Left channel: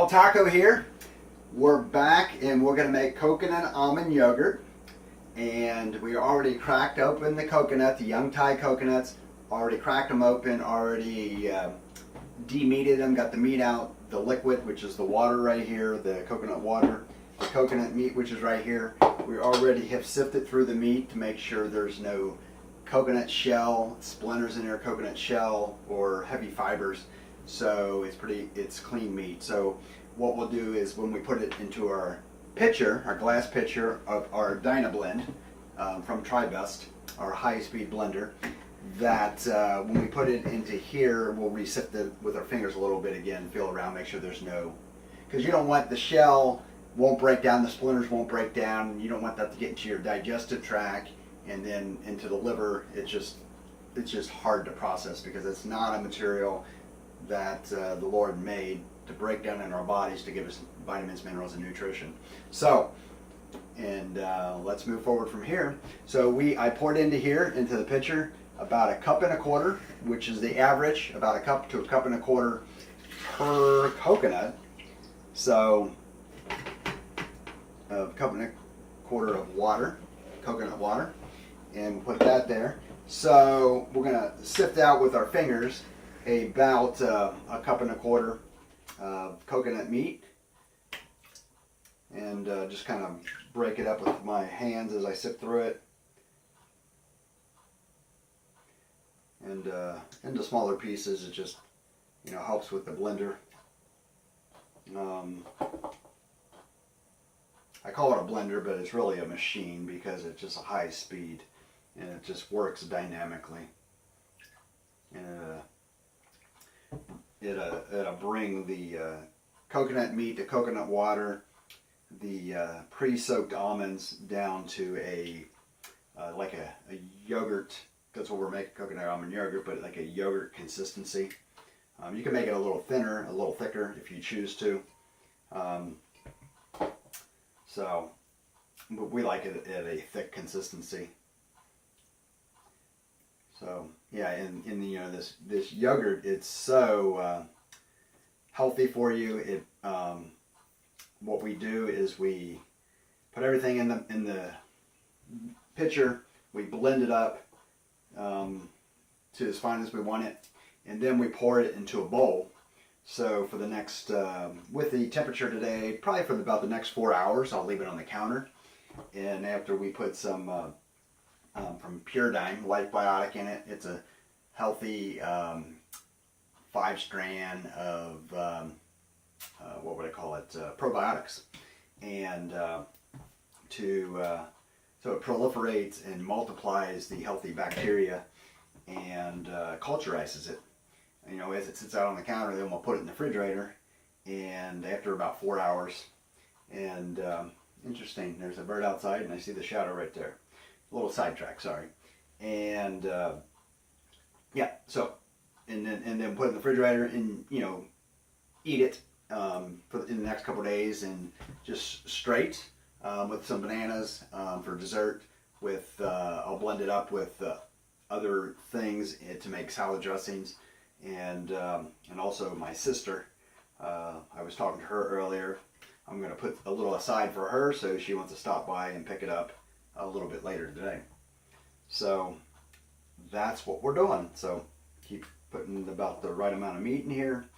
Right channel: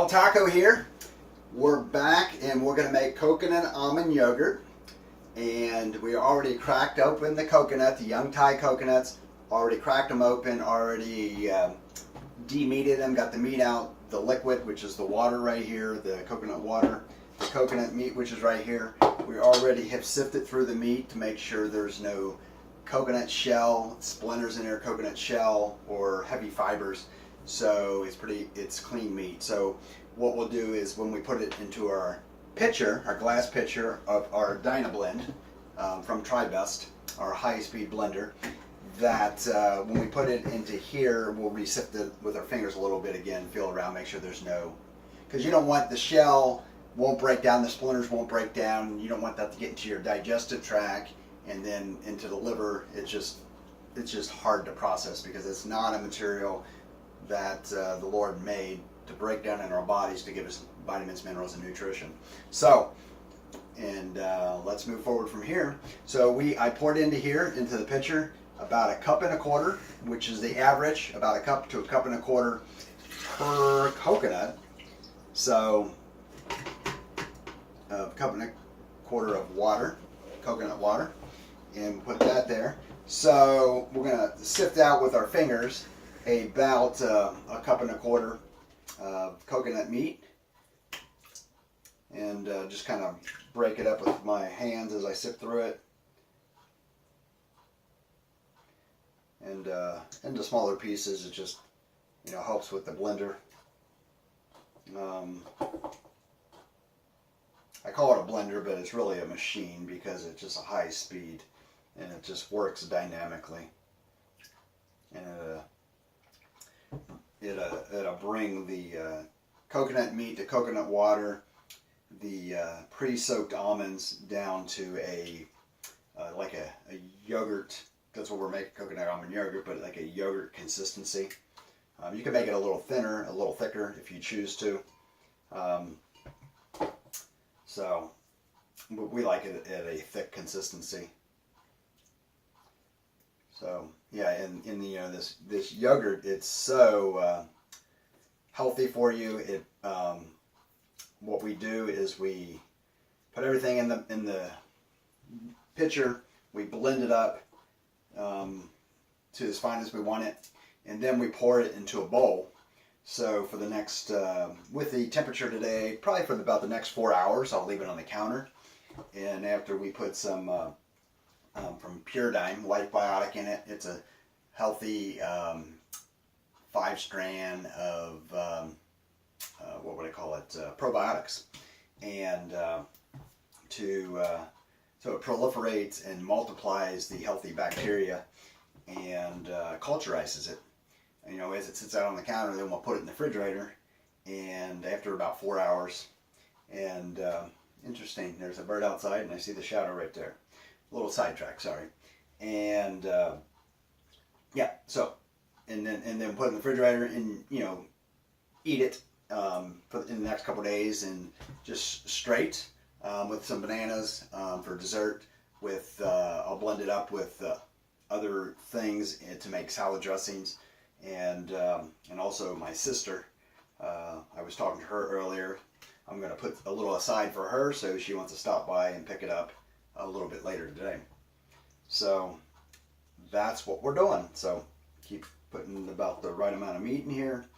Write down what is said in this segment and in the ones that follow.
Small Taco here. We're back and we're going to make coconut almond yogurt. And we already cracked open the coconut, the young Thai coconuts. Already cracked them open, already de-meated them, got the meat out, the liquid, which is the water right here, the coconut water, the coconut meat, which is right here. We already have sifted through the meat to make sure there's no coconut shell, splinters in there, coconut shell, or heavy fibers. So it's clean meat. So what we'll do is when we put it into our pitcher, our glass pitcher of our Dynablend from TriBest, our high-speed blender, that when we put it into here, we'll re-sift it with our fingers a little bit again, feel around, make sure there's no, because you don't want the shell won't break down, the splinters won't break down, you don't want that to get into your digestive tract and then into the liver. It's just hard to process because it's not a material that the Lord made to break down in our bodies to give us vitamins, minerals, and nutrition. So, and let's move forward from here. So I poured into here, into the pitcher, about 1.25 cups, which is the average, about 1 cup to 1.25 cups per coconut. So, 1.25 cups of water, coconut water, and put that there. So we're gonna sift out with our fingers about 1.25 cups of coconut meat, and just kind of break it up with my hands as I sift through it, and into smaller pieces. It just helps with the blender. I call it a blender, but it's really a machine because it's just a high speed and it just works dynamically. And it'll bring the coconut meat, the coconut water, the pre-soaked almonds down to like a yogurt. That's what we're making, coconut almond yogurt, but like a yogurt consistency. You can make it a little thinner, a little thicker if you choose to. So we like it at a thick consistency. So yeah, in the this yogurt, it's so healthy for you. It what we do is we put everything in the pitcher. We blend it up to as fine as we want it, and then we pour it into a bowl. So for the next, with the temperature today, probably for about the next 4 hours, I'll leave it on the counter. And after we put some from PuraDyme, LiyfBiotic in it, it's a healthy 5-strand of, what would I call it, probiotics. And so it proliferates and multiplies the healthy bacteria and culturizes it. As it sits out on the counter, then we'll put it in the refrigerator, and after about 4 hours, and interesting, there's a bird outside, and I see the shadow right there. A little sidetrack, sorry. And yeah, so and then put it in the refrigerator, and eat it in the next couple of days, and just straight with some bananas for dessert. I'll blend it up with other things to make salad dressings. And also my sister, I was talking to her earlier. I'm going to put a little aside for her, so she wants to stop by and pick it up a little bit later today. So that's what we're doing. So keep putting about the right amount of meat in here,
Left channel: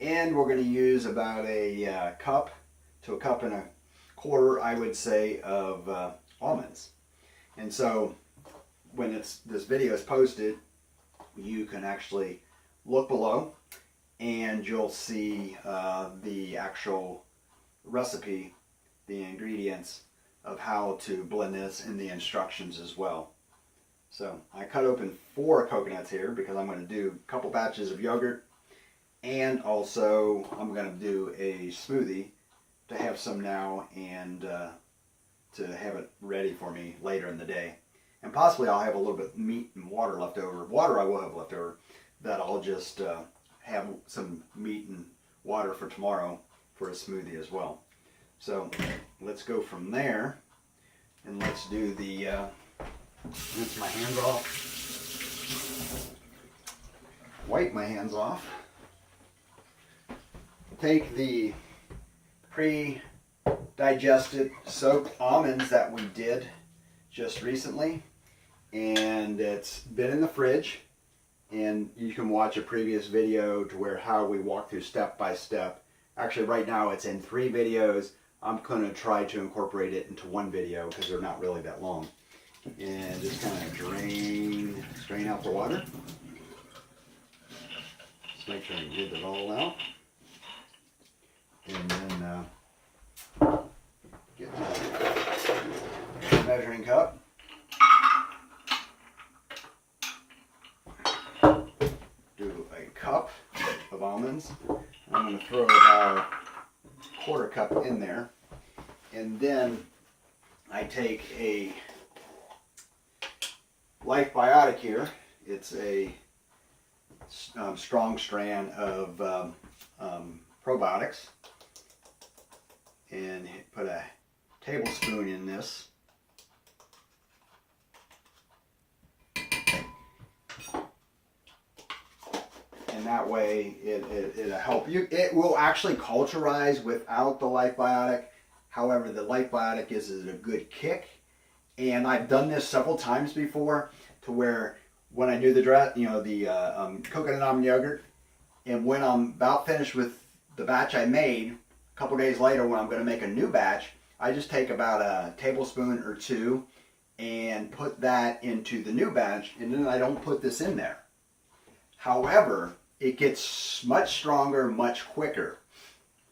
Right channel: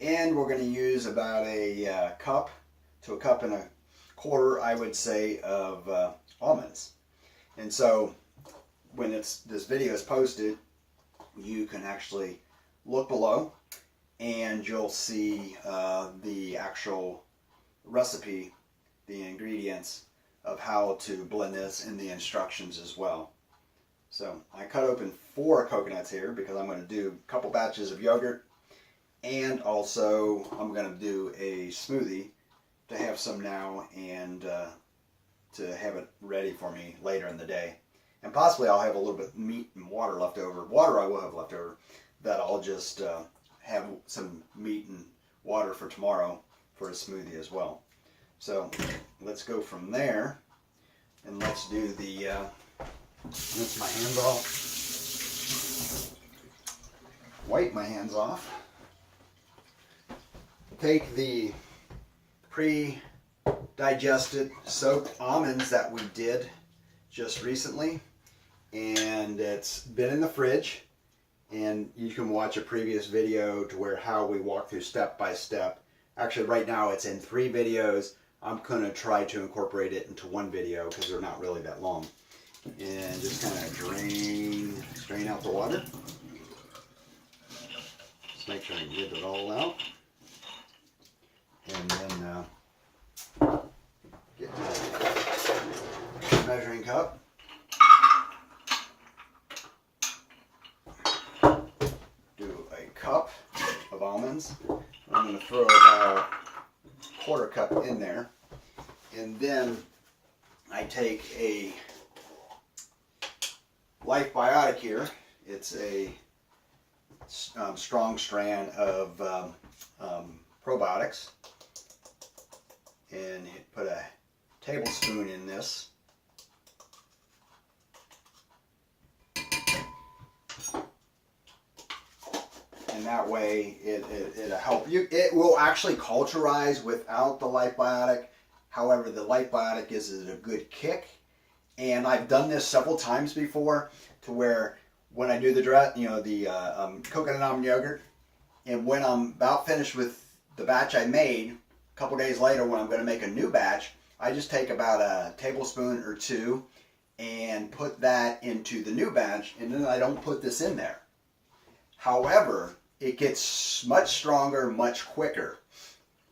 and we're going to use about a cup to 1.25 cups, I would say, of almonds. And so when this video is posted, you can actually look below, and you'll see the actual recipe, the ingredients of how to blend this, and the instructions as well. So I cut open 4 coconuts here because I'm going to do a couple batches of yogurt, and also I'm going to do a smoothie to have some now and to have it ready for me later in the day. And possibly I'll have a little bit of meat and water left over. Water I will have left over, that I'll just have some meat and water for tomorrow for a smoothie as well. So let's go from there, and let's do the, rinse my hands off, wipe my hands off, take the pre-digested soaked almonds that we did just recently, and it's been in the fridge, and you can watch a previous video to where how we walk through step by step. Actually, right now it's in 3 videos. I'm going to try to incorporate it into 1 video because they're not really that long. And just kind of strain out the water. Just make sure you get it all out. And then get the measuring cup. Do a cup of almonds. I'm going to throw about 1/4 cup in there. And then I take a LiyfBiotic here. It's a strong strand of probiotics, and put a tablespoon in this. And that way it'll help you. It will actually culturize without the LiyfBiotic. However, the LiyfBiotic is a good kick. And I've done this several times before, to where when I do the coconut almond yogurt, and when I'm about finished with the batch I made, a couple days later when I'm going to make a new batch, I just take about a tablespoon or 2 and put that into the new batch, and then I don't put this in there. However, it gets much stronger, much quicker.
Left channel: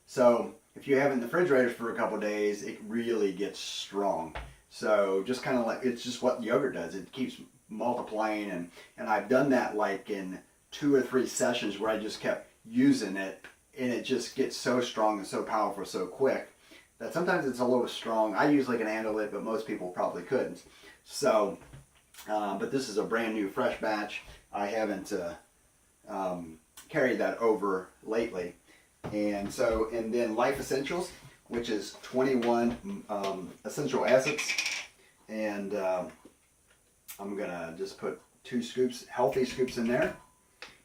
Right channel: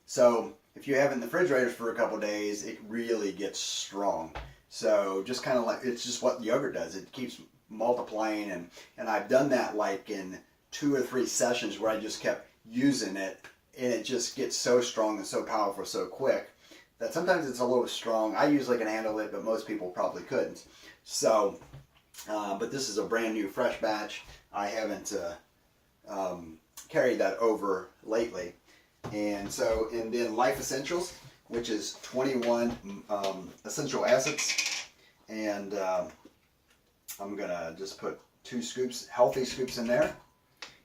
So if you have it in the refrigerator for a couple days, it really gets strong. So just kind of like, it's just what yogurt does. It keeps multiplying, and I've done that like in 2 or 3 sessions where I just kept using it, and it just gets so strong and so powerful so quick that sometimes it's a little strong. I usually can handle it, but most people probably couldn't. So, but this is a brand new fresh batch. I haven't carried that over lately. And then Liyf Essentials, which is 21 essential acids, and I'm gonna just put 2 scoops, healthy scoops in there.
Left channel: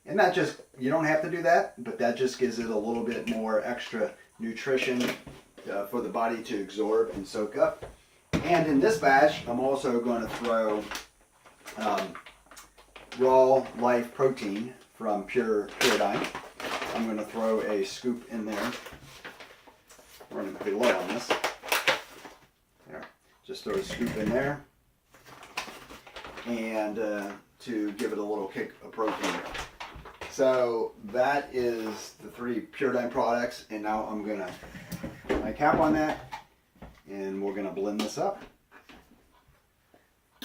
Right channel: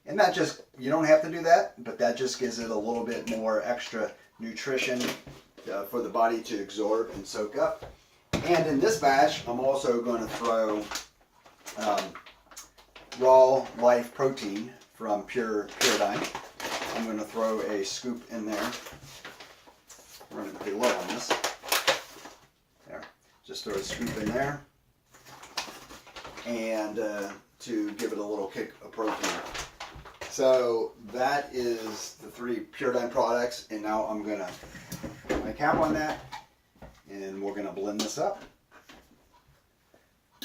And that just, you don't have to do that, but that just gives it a little bit more extra nutrition for the body to absorb and soak up. And in this batch, I'm also going to throw Raw Liyf Protein from PuraDyme. I'm going to throw a scoop in there. We're going to put a lid on this. There. Just throw a scoop in there. And to give it a little kick of protein. So that is the 3 PuraDyme products. And now I'm going to put my cap on that. And we're going to blend this up.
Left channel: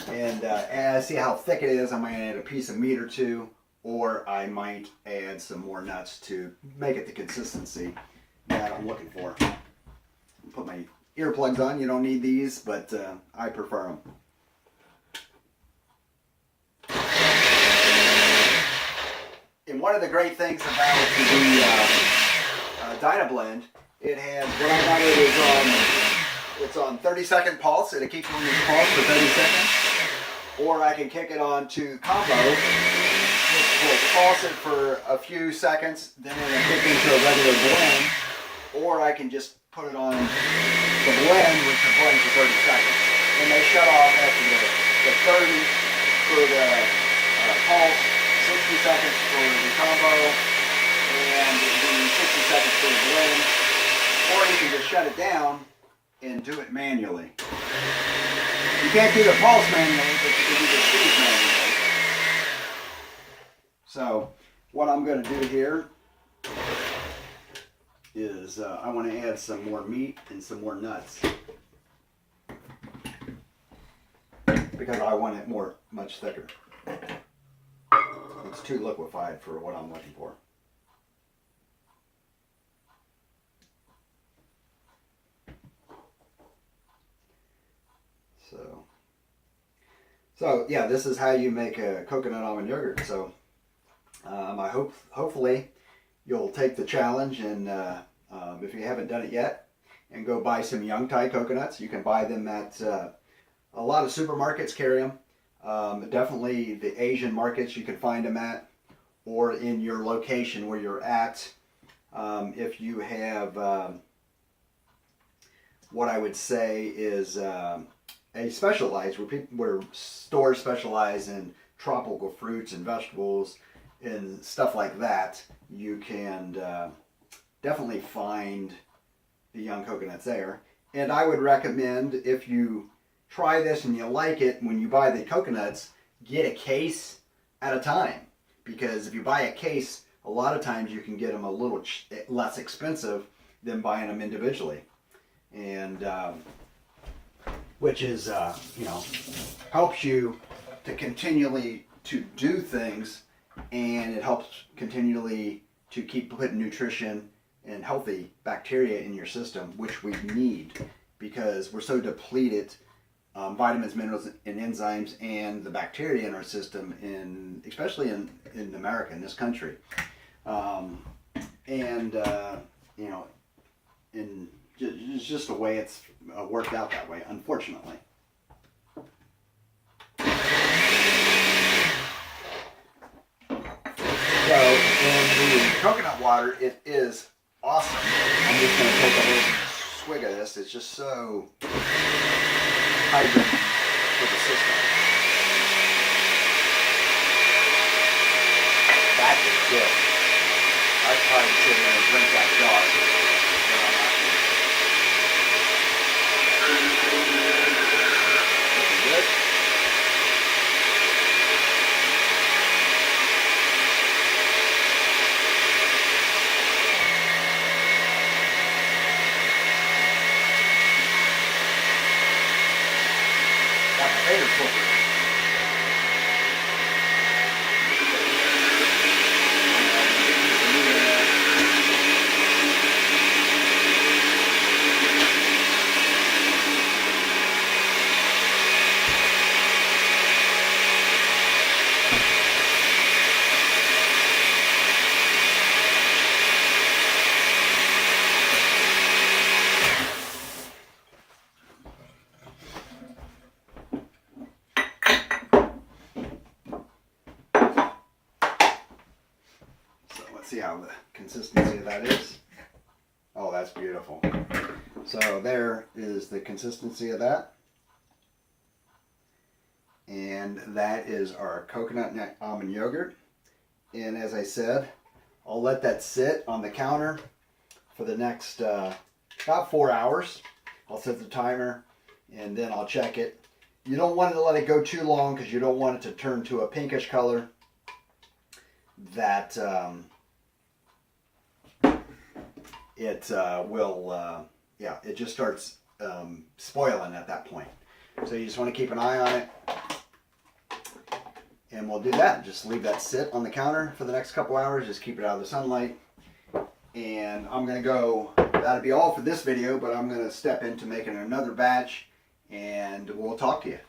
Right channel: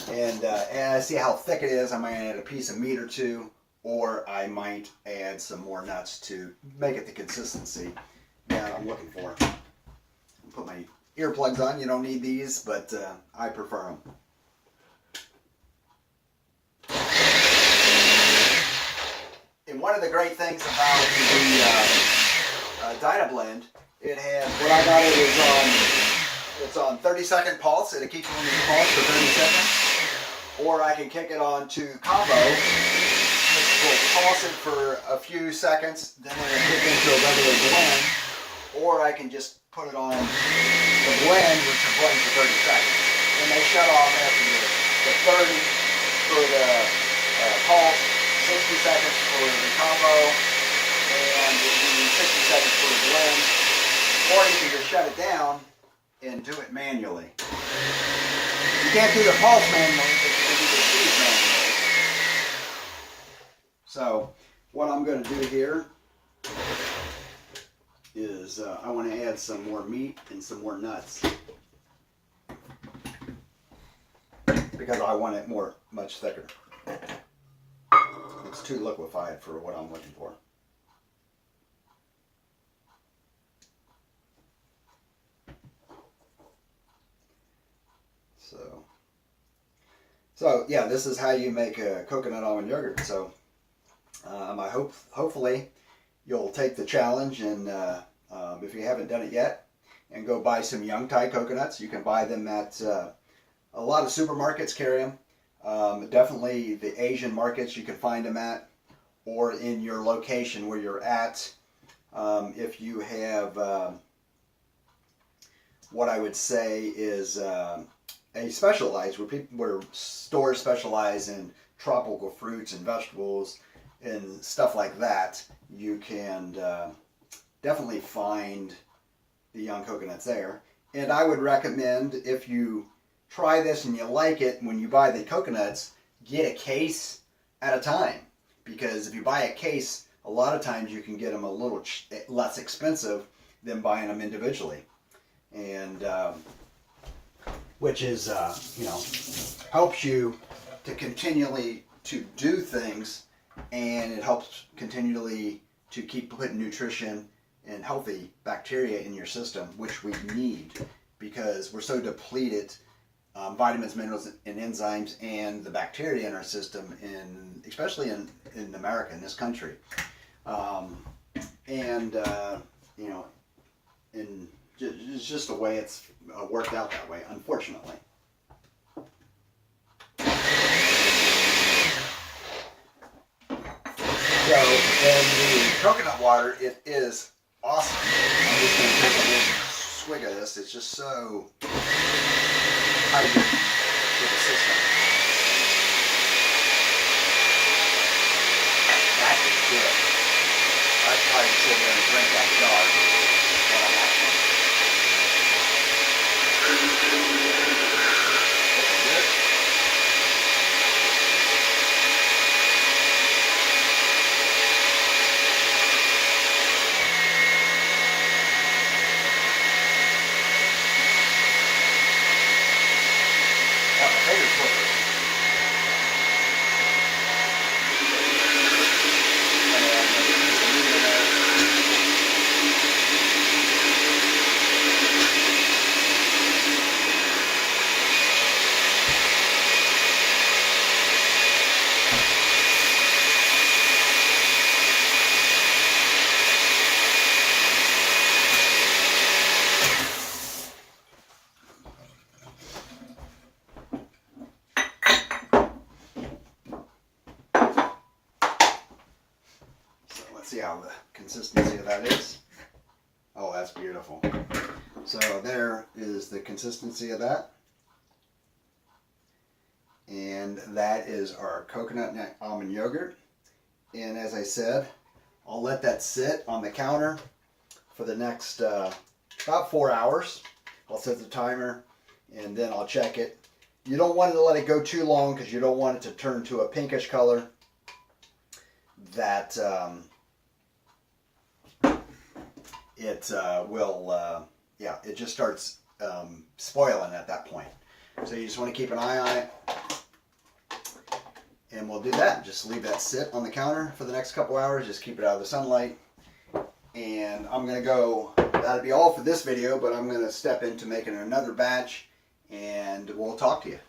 And I see how thick it is. I might add a piece of meat or 2. Or I might add some more nuts to make it the consistency that I'm looking for. Put my earplugs on. You don't need these, but I prefer them. And one of the great things about the Dynablend, it has, what I got it is it's on 30-second pulse, and it keeps on the pulse for 30 seconds. Or I can kick it on to combo. We'll pulse it for a few seconds, then it'll kick into a regular blend, or I can just put it on the blend, which will blend for 30 seconds. And they shut off after the 30 for the pulse, 60 seconds for the combo, and the 60 seconds for the blend. Or you can just shut it down and do it manually. You can't do the pulse manually, but you can do the speed manually. So what I'm going to do here is I want to add some more meat and some more nuts, because I want it much thicker. It's too liquefied for what I'm looking for. So yeah, this is how you make a coconut almond yogurt. So hopefully you'll take the challenge, and if you haven't done it yet, and go buy some young Thai coconuts. You can buy them at a lot of supermarkets carry them. Definitely the Asian markets you can find them at, or in your location where you're at. If you have what I would say is a specialized, where stores specialize in tropical fruits and vegetables and stuff like that. You can definitely find the young coconuts there. And I would recommend, if you try this and you like it, when you buy the coconuts, get a case at a time. Because if you buy a case, a lot of times you can get them a little less expensive than buying them individually. And which is, you know, helps you to continually to do things, and it helps continually to keep putting nutrition and healthy bacteria in your system, which we need because we're so depleted vitamins, minerals, and enzymes, and the bacteria in our system, especially in America, in this country. You know, it's just the way it's worked out that way, unfortunately. So, in the coconut water, it is awesome. I'm just going to take a little swig of this. It's just so hydrating for the system. That is good. I'd probably sit there and drink that jar. Looking good. Got my favorite flipper. See how the consistency of that is. Oh, that's beautiful. So there is the consistency of that. And that is our coconut nut almond yogurt. And as I said, I'll let that sit on the counter for the next about 4 hours. I'll set the timer and then I'll check it. You don't want to let it go too long because you don't want it to turn to a pinkish color that it will, it just starts spoiling at that point. So you just want to keep an eye on it. And we'll do that. Just leave that sit on the counter for the next couple hours. Just keep it out of the sunlight. And I'm going to go, that'll be all for this video, but I'm going to step into making another batch and we'll talk to you.